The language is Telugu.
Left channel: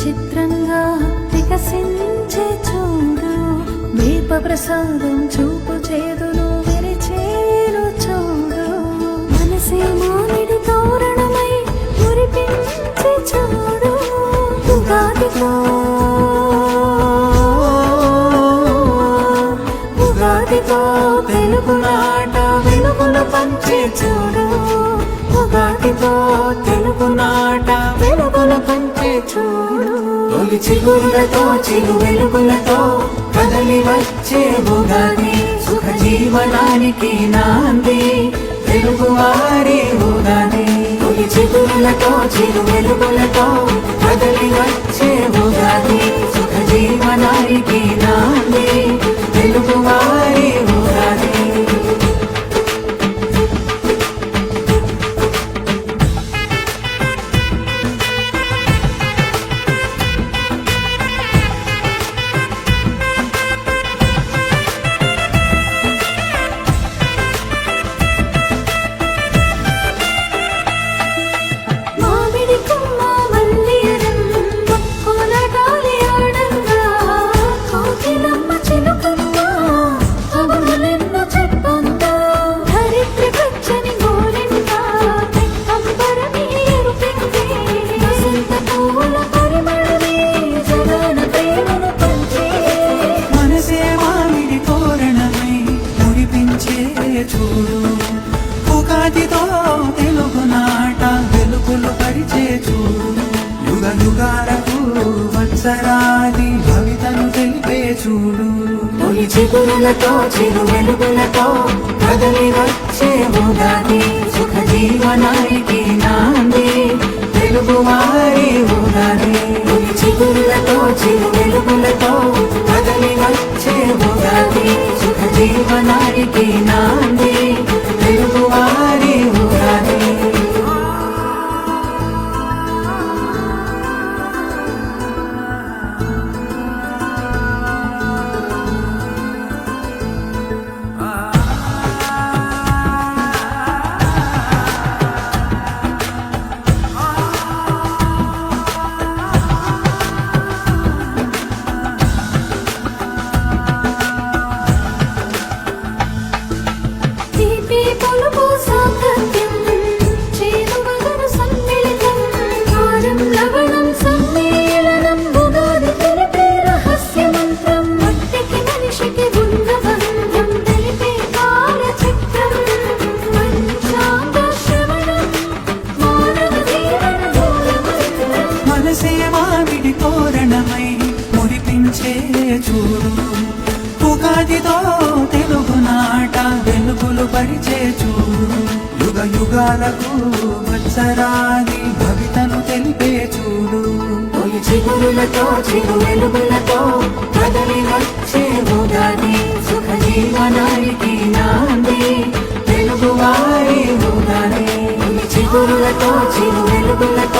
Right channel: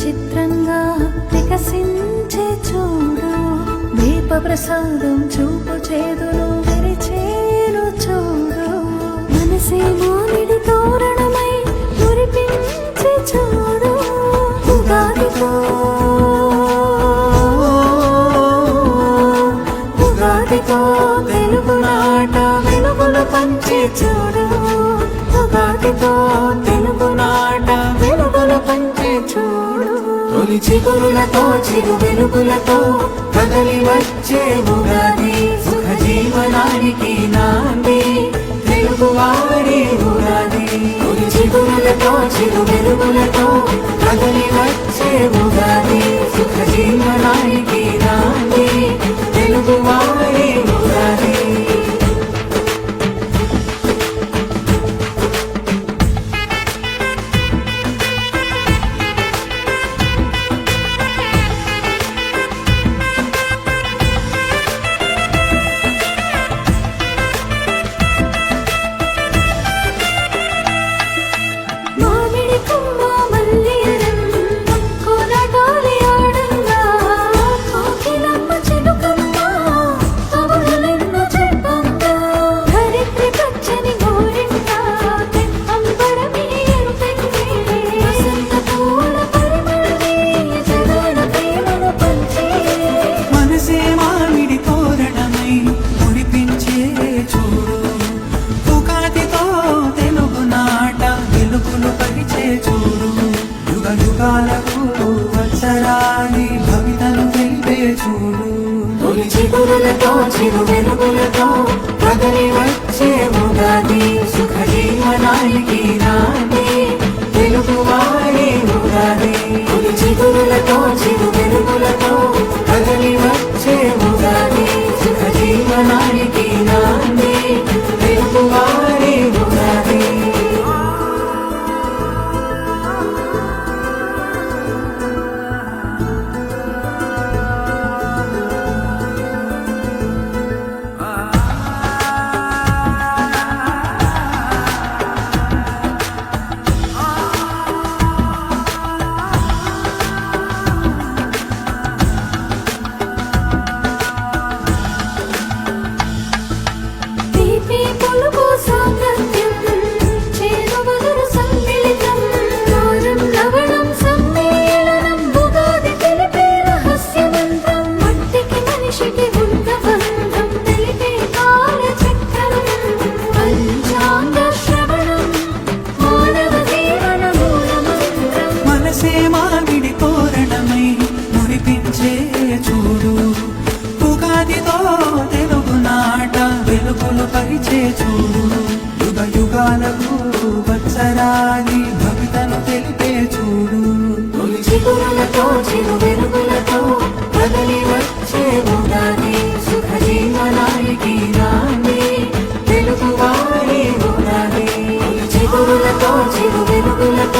చిత్రంగా వికసించే చూడు, దీప ప్రసాదం చూపు చేదును విరిచేను చూడు. మనసే మామిడి తోరణమై మురిపించే చూడు, ఉగాదితో ఉగాదితో తెలుగునాట వెలుగులు పంచే చూడు, ఉగాదితో తెలుగునాట వెలుగులు పంచే చూడు. తొలి చిగురులతో చిరు వెలుగులతో కదలి వచ్చే ఉగాది, సుఖ జీవనానికి నాంది తెలుగువారి ఉగాది. తొలి చిగురులతో చిరు వెలుగులతో కదలి వచ్చే ఉగాది, సుఖ జీవనానికి నాంది తెలుగువారి ఉగాది. చూడు, ఉగాదితో తెలుగునాట వెలుగులు పరిచే చూడు, యుగ యుగాలకు వత్సరాని భవితను తెలిపే చూడు. తొలి చిగురులతో చిరు వెలుగులతో కదలి వచ్చే ఉగాది, సుఖ జీవనానికి నాంది తెలుగువారి ఉగాది. తొలి చిగురులతో చిరు వెలుగులతో కదలి వచ్చే ఉగాది, సుఖ జీవనానికి నాంది తెలుగువారి ఉగాది. మనసే మామిడి తోరణమై మురిపించే చూడు, ఉగాదితో తెలుగునాట వెలుగులు పరిచే చూడు, యుగ యుగాలకు వత్సరాని భవితను తెలిపే చూడు. తొలి చిగురులతో చిరు వెలుగులతో కదలి వచ్చే ఉగాది, సుఖ జీవనానికి నాంది తెలుగువారి ఉగాది. తొలి చిగురులతో చిరు వెలుగులతో